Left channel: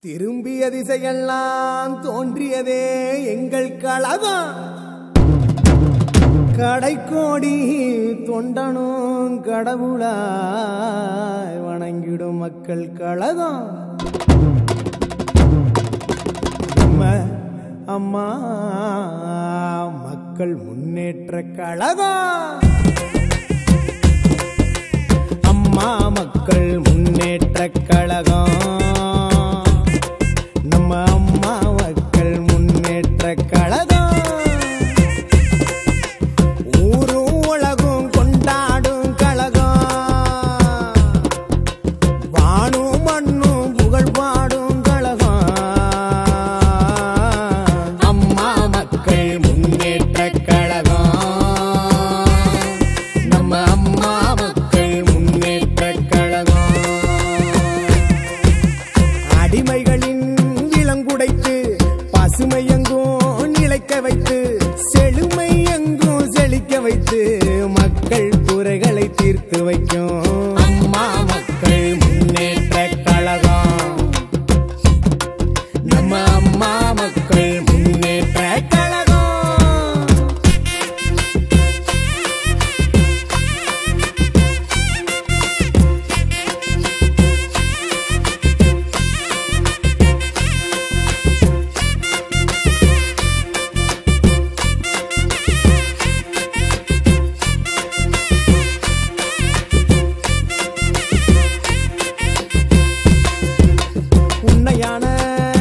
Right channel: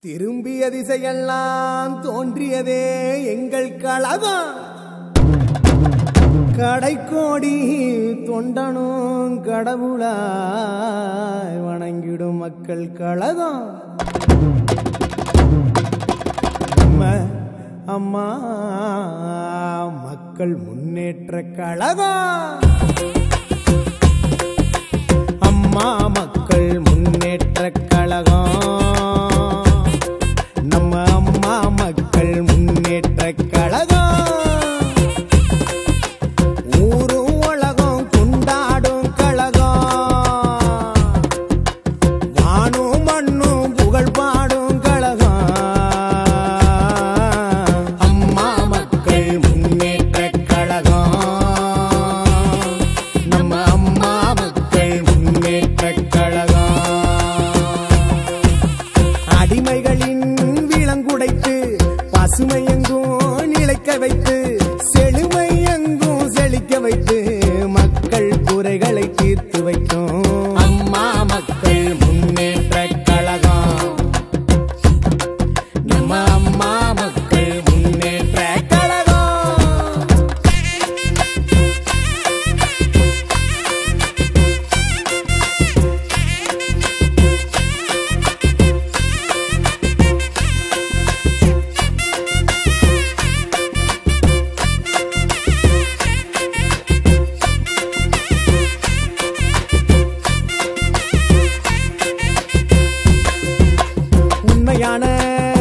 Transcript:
திரும்பிய திசையெல்லாம் தோன்றியதே எங்கள் கழகம். கடைக்கோடி தொண்டனும் கடவுளாய் வணங்கிடும் மக்கள் கழகம். நம்ம அம்மா மக்கள் முன்னேற்ற கழகம். வானும் புகழ் பாடும் கழகம். அம்மா மக்கள் முன்னேற்ற கழகம். நம்ம அம்மா மக்கள் முன்னேற்ற கழகம். அடிமைகளின் இளங்குடைத்து பசுமை நிலைக்க வைத்து காண